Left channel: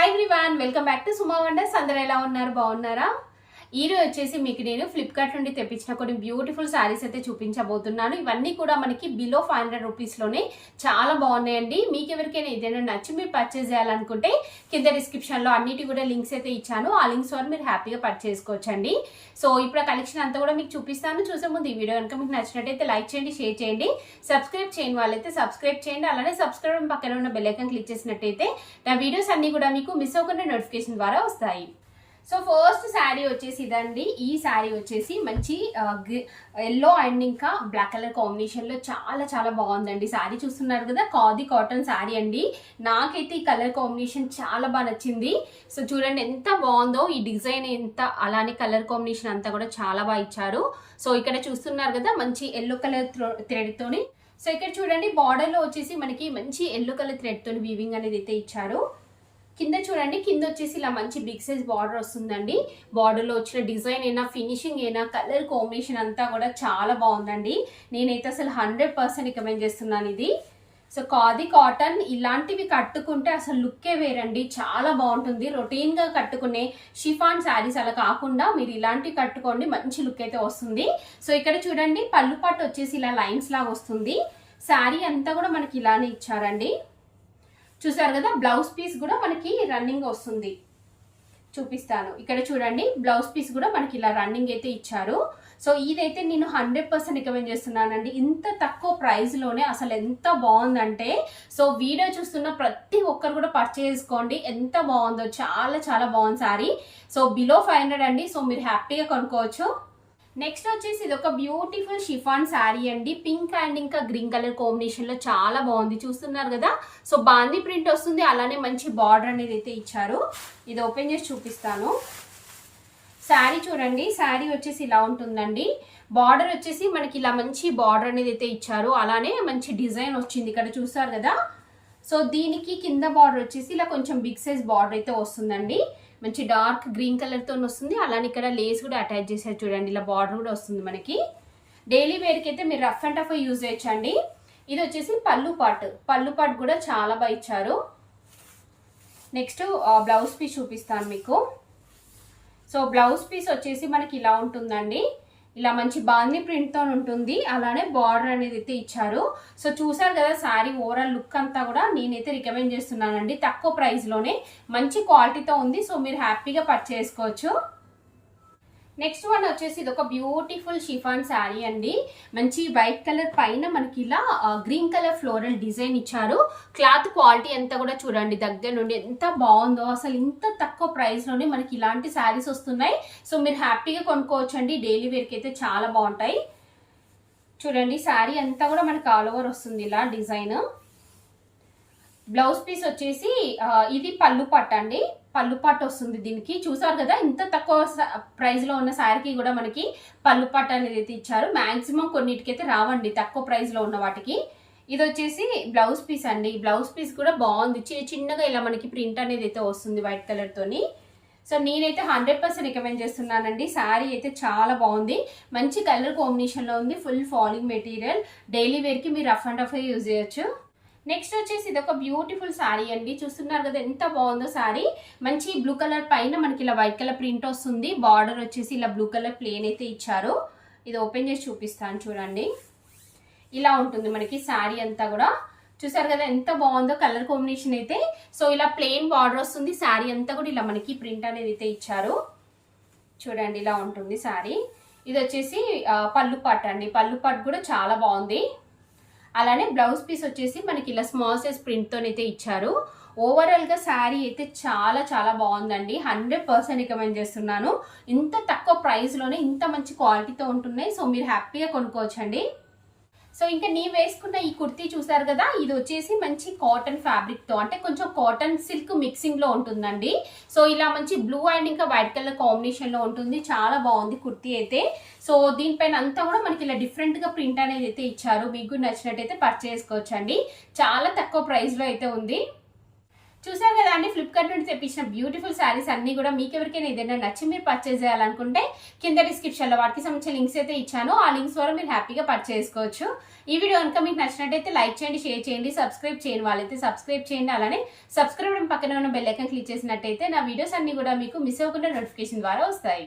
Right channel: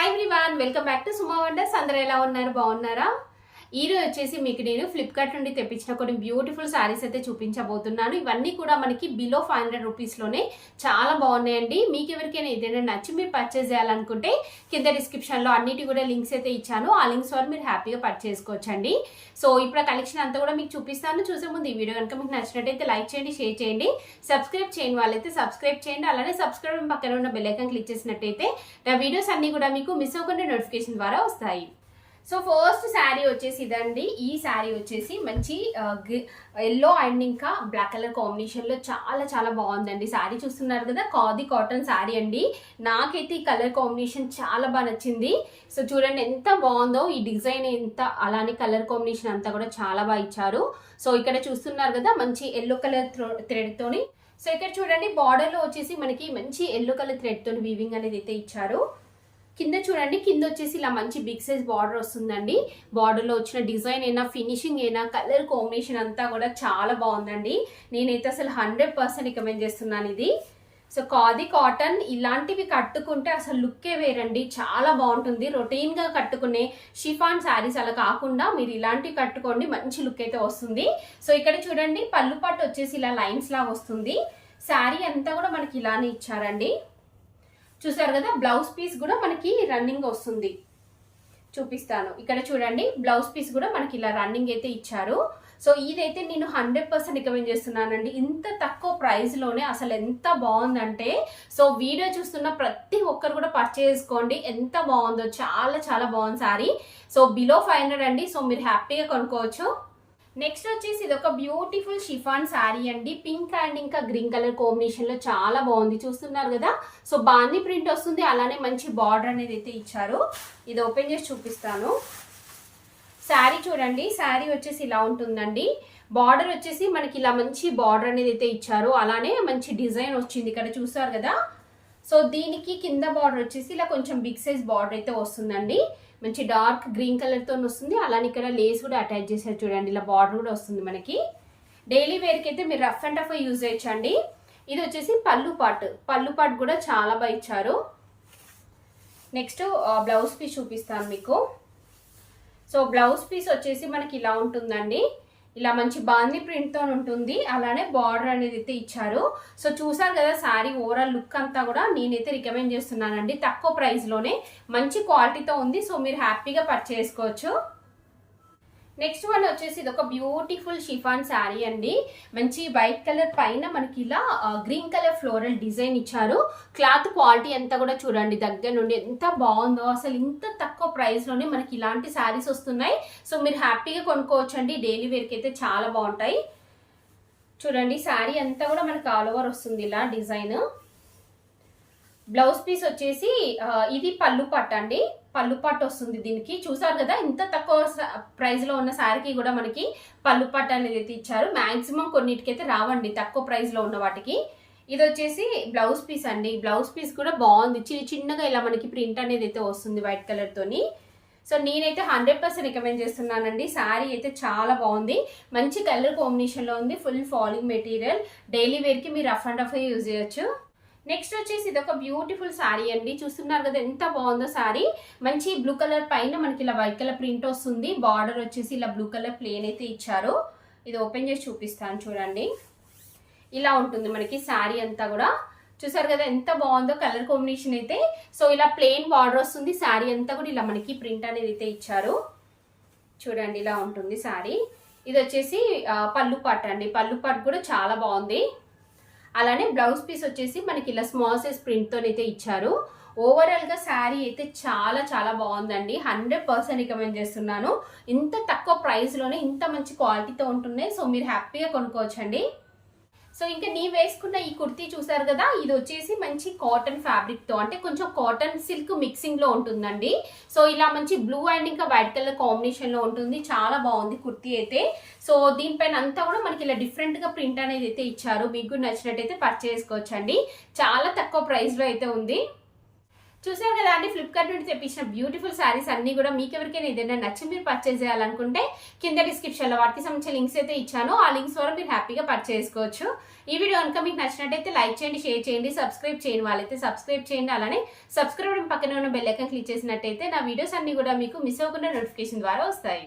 Hi everyone welcome back to Suma wonders అందరూ ఎలా ఉన్నారు? బాగున్నారా? ఈ రోజు వచ్చేసి మీకు నేను ఫ్లిప్కార్ట్ నుండి తెప్పించిన కొన్ని బ్యూటిఫుల్ శారీస్ అయితే చూపించబోతున్నాను. ఇవన్నీ కూడా మనకి బిలో ఫైవ్ హండ్రెడ్ రూపీస్లోనే చాలా బాగున్నాయండి. మీకు ఎవరికైనా ఏదైనా నచ్చి మీరు పర్చేస్ చేయాలనుకుంటే కింద డిస్క్రిప్షన్లో అన్నిటి కూడా లింక్స్ అయితే ఇచ్చాను. ఆ లింక్స్ ద్వారా మీరు హ్యాపీగా పర్చేసుకోవచ్చండి సో ఇప్పుడు కలెక్షన్ అంతా కూడా మీకు చూపిస్తాను. చూసే ముందు ఈ వీడియో కనుక మీకు నచ్చినట్టయితే లైక్ చేయండి షేర్ చేయండి. సబ్స్క్రైబ్ చేయని వాళ్ళైతే సబ్స్క్రైబ్ చేయండి. అలానే సబ్స్క్రైబ్ పక్కన ఉన్న బెల్లైకన్ క్లిక్ చేసినట్టయితే నా వీడియోస్ అన్నీ కూడా మీకు మిస్ అవ్వకుండా నోటిఫికేషన్ ద్వారా వస్తాయి. సో ఫస్ట్ శారీ వచ్చేసి ఇదండి. ఈ శారీ వచ్చేసి మంచి ఎల్లో అండ్ ఇంకా బ్లాక్ కలర్ కాంబినేషన్లో చాలా చాలా బాగుందండి. శారీ చూస్తున్నారు కదా కాది కాటన్ శారీ అండి. నాకైతే ఈ కలర్ కాంబినేషన్ చాలా బాగా నచ్చింది. సో చూడండి ఎంత బాగుందో ఈ డిజైన్ ఎంత అలానే కలర్ కాంబినేషన్ అంతా కూడా చాలా బాగా ఇచ్చారు. సో ఇక్కడ చూస్తున్నారు కదా మంచి ఎల్లో కలర్ థ్రెడ్తోని సో ఇక్కడ చూడండి బార్డర్లో వచ్చేసి మనకి మంచి ఎల్లో కలర్ థ్రెడ్తోని వీవింగ్ అనేది అయితే ఇచ్చారు. కింద చూడండి కింద వచ్చేసి ఇలా మంచి బిగ్ సైజ్ బార్డర్ వస్తుందండి. బార్డర్లో వచ్చిన డిజైన్ అయినా ఫినిషింగ్ అయినా కలర్ కాంబినేషన్ అంతా కూడా చాలా బాగుందండి. నేనైతే అసలు హండ్రెడ్ పర్సెంట్ రికమెండ్ చేస్తున్నాను ఇది. సో కాది కాటన్ ఇలాంటివి కట్టుకుంటే అసలు లుక్కే వేరండి. చాలా బాగుంటుంది. రొటీన్గా కట్టుకునే షిఫాన్ శారీస్ అలా కాకుండా మీరు ఇలాంటివి కట్టుకోండి మంచి లుక్ అయితే వస్తుంది. సో ఇక్కడ చూడండి పళ్ళు పట్టు వచ్చేసి ఇలా లైన్స్ లాగా వస్తుంది. శారీ అంతా కూడా మనకి ఇలానే ఇచ్చారండి. చూసారు కదా బ్లౌజ్ పీస్ కూడా మనకి రన్నింగ్ వస్తుంది. చూపిస్తాను. ఇక్కడ చూడండి బ్లౌజ్ పీస్ కూడా మనకి ఇలా రన్నింగ్ అయితే ఇచ్చారు. సో ఇదైతే నేను హండ్రెడ్ పర్సెంట్ రికమెండ్ చేస్తున్నానండి. ఇంత తక్కువ ప్రైస్లోనే అసలు ఎంత బాగుందంటే సో వీడియో చూస్తున్న ప్రతి ఒక్కరు కూడా పర్చేజ్ చేసుకోండి. ఎంత బాగుందో చాలా చాలా బాగుంది sari so below five hundred అండి. సో మీరు హ్యాపీగా కొనుక్కోవచ్చు. నెక్స్ట్ వచ్చేసి ఇది ఒక బ్యూటిఫుల్ షిఫాన్ శారీ అండి. పింక్ అండ్ ఇంకా గ్రీన్ కలర్ కాంబినేషన్లో చాలా బాగుంది. చూస్తున్నారు కదా? సో బాంది ప్రింట్ వస్తుంది. అలానే మంచి బార్డర్ అనేది అయితే ఇచ్చారు. ఇది ఓపెన్ చేసి చూపిస్తాను. శారీ చూడండి. శారీ వచ్చేసి ఇలా ఉంటుందండి. బార్డర్ వచ్చేసి మనకి ఇలా మంచి బార్డర్ అనేది అయితే ఇచ్చారు. అలానే మంచి డిజైన్ వచ్చింది ఇక్కడ. చూసారు కదా? సో దీనికి కింద బార్డర్ వచ్చేసి ఇలా కొంచెం బిగ్ సైజ్ బార్డర్ అయితే వస్తుందండి. మంచి డార్క్ గ్రీన్ కలర్తో వస్తుంది. అలానే ఇక్కడ లేస్ కూడా అటాచ్ చేశారు చూడండి. ఇలా బార్డర్ కూడా వస్తుంది మనకి. డైలీ వేర్కి అయితే మీరు రఫ్ అండ్ టఫ్ యూజ్ చేయొచ్చండి. ఇది వచ్చేసి పళ్ళు పాట్. పళ్ళు పాట్ కూడా చాలా బాగా ఇచ్చారు. నెక్స్ట్ బ్లౌజ్ పీస్ చూపిస్తాను మీకు. సో బ్లౌజ్ పీస్ వచ్చేసి మనకి ఇలా ఉంటుందండి. ఇలా మంచి బాందీ ప్రింట్తో ఉంటుంది. అలానే బార్డర్ అనేది అయితే ఇచ్చారు. సో చూసారు కదా శారీ ఓవరాల్ లుక్ అంతా కూడా నేనైతే రికమెండ్ చేస్తున్నానండి. తక్కువ ప్రైస్లోనే మంచి క్వాలిటీతో ఉంది. సో మీరు హ్యాపీగా పర్చేసుకోవచ్చు నెక్స్ట్ వన్ వచ్చేసి ఇది ఒక బ్యూటిఫుల్ షిఫాన్ శారీ అండి. మంచి వైట్ కలర్ పైన మనకి ఇలా గ్రీన్ కలర్ ఫ్లోరల్ డిజైన్ ఇచ్చారు. క్లాత్ క్వాలిటీ అంతా కూడా చూడండి దగ్గర నుండి ఎంత బాగుందో అసలు ఇంత తక్కువ ప్రైస్లోనే మనకి ఇలాంటి శారీస్ వస్తున్నాయి. సో మీరు హ్యాపీగా కొనుక్కోవచ్చు అండి డైలీ వేర్కి అయితే చాలా బాగుంటాయి. చూడండి శారీ అంతా కూడా మనకి ఆల్ ఓవర్ వస్తుంది ఇలా డిజైన్ బ్లౌజ్ పీస్ వచ్చేసి ఇది పళ్ళు పట్టు అండి పళ్ళు వస్తుంది దీనికి. చూసారు కదా ఇంత తక్కువ ప్రైస్లో ఉన్న శారీకి కూడా మనకి పళ్ళు అనేది అయితే ఇచ్చారు. మ్యాక్సిమం కొన్నిటికైతే రావండి తక్కువ ప్రైస్లో ఉన్న వాటికి. ఇది వచ్చేసి బ్లౌజ్ పీస్ అండి. బ్లౌజ్ పీస్ కూడా బాగుంది. చిన్న చిన్నగా ఇలా మనకి ప్రింట్ అనేది అయితే వస్తుంది వైట్ కలర్తోని సో నేనైతే హండ్రెడ్ పర్సెంట్ రికమెండ్ చేస్తున్నానండి. శారీ అయితే చాలా బాగుంది. మంచి కలర్ కాంబినేషన్లో ఉంది. ఫుల్ ఫాలింగ్ మెటీరియల్ డైలీ వేర్కి మీరు రఫ్ అండ్ రఫ్ యూజ్ చేయొచ్చు. నెక్స్ట్ వచ్చేసి ఇది ఒక బ్యూటిఫుల్ శారీ అండి. చూస్తున్నారు కదా ఎంత బాగుందో శారీ మంచి బ్లూ కలర్ పైన మనకి ఇలా వైట్ కలర్ ప్రింట్ వస్తుంది. బార్డర్ వచ్చేసి ఇలా బ్లూ కలర్ ప్లేన్ అయితే ఇచ్చారు. ఇది ఓపెన్ చేసి చూపిస్తాను చూడండి. ఇలా ఉంటుంది మనకి శారీ అంతా కూడా. చూసారు కదా ఎంత బాగుందో కలర్ కాంబినేషన్ అయితే. సో ఇలా ప్లెయిన్ బార్డర్ వస్తుంది. శారీ అంతా కూడా ఇలా మనకి ప్రింట్ అనేది అయితే ఇచ్చారు. చూడండి ఇలా ఉంటుంది శారీ ఇది వచ్చేసి పళ్ళు పట్టు అండి. పళ్ళు పట్టు కూడా చాలా బాగుంది. అలానే బ్లౌజ్ పీస్ వచ్చేసి మనకి ఇలా స్మాల్ సైజ్ ప్రింట్తోనైతే ఇచ్చారు. ఓవరాల్గా శారీ అయితే చాలా చాలా బాగుందండి. హండ్రెడ్ పర్సెంట్ రికమెండ్ చేస్తున్నాను. ఇంత తక్కువ ప్రైస్లోనే ఇంత మంచి క్వాలిటీతో ఉంటున్నాయి. సో మీరు హ్యాపీగా కొనుక్కోవచ్చండి. సో ఇంకా నీ వేసుకున్న ఈ కుర్తీ చూసారు కదా ఇది వచ్చేసి మంచి కాటన్ ఫ్యాబ్రిక్తో అంటే కొంచెం కాటన్ సిల్క్ మిక్సింగ్లో ఉంటుందండి. సో ఇలా మంచి బ్లూ అండ్ ఇంకా వైట్ కలర్ కాంబినేషన్లో ఉంటుంది. చాలా బాగుంది కుర్తీ అయితే. సో దీనిపైన అంతా కూడా మనకి ఇలా డిఫరెంట్గా ప్రింట్ అనేది అయితే ఇచ్చారు. మీకు నచ్చినట్టయితే పర్చేసుకోవచ్చండి చాలా తక్కువ ప్రైస్లో అయితే ఉంది. చూసారు కదా అండి ఫ్లిప్కార్ట్ నుండి తెప్పించిన బ్యూటిఫుల్ శారీస్ అన్ని కూడా మీకు ఎవరికైనా ఏదైనా నచ్చి మీరు పర్చేస్ చేయాలనుకుంటే కింద డిస్క్రిప్షన్లో వాటికి సంబంధించిన లింక్స్ అయితే ఇచ్చాను. ఆ లింక్స్ ద్వారా మీరు హ్యాపీగా పర్చేస్ చేసుకోవచ్చు. ఈ వీడియో కనుక మీకు నచ్చినట్టయితే లైక్ చేయండి షేర్ చేయండి సబ్స్క్రైబ్ చేయని వాళ్ళైతే సబ్స్క్రైబ్ చేయండి. అలానే సబ్స్క్రైబ్ పక్కన ఉన్న బెల్ క్లిక్ చేసినట్టయితే నా వీడియోస్ అన్ని కూడా మీకు మిస్ అవ్వకుండా నోటిఫికేషన్ ద్వారా వస్తాయి.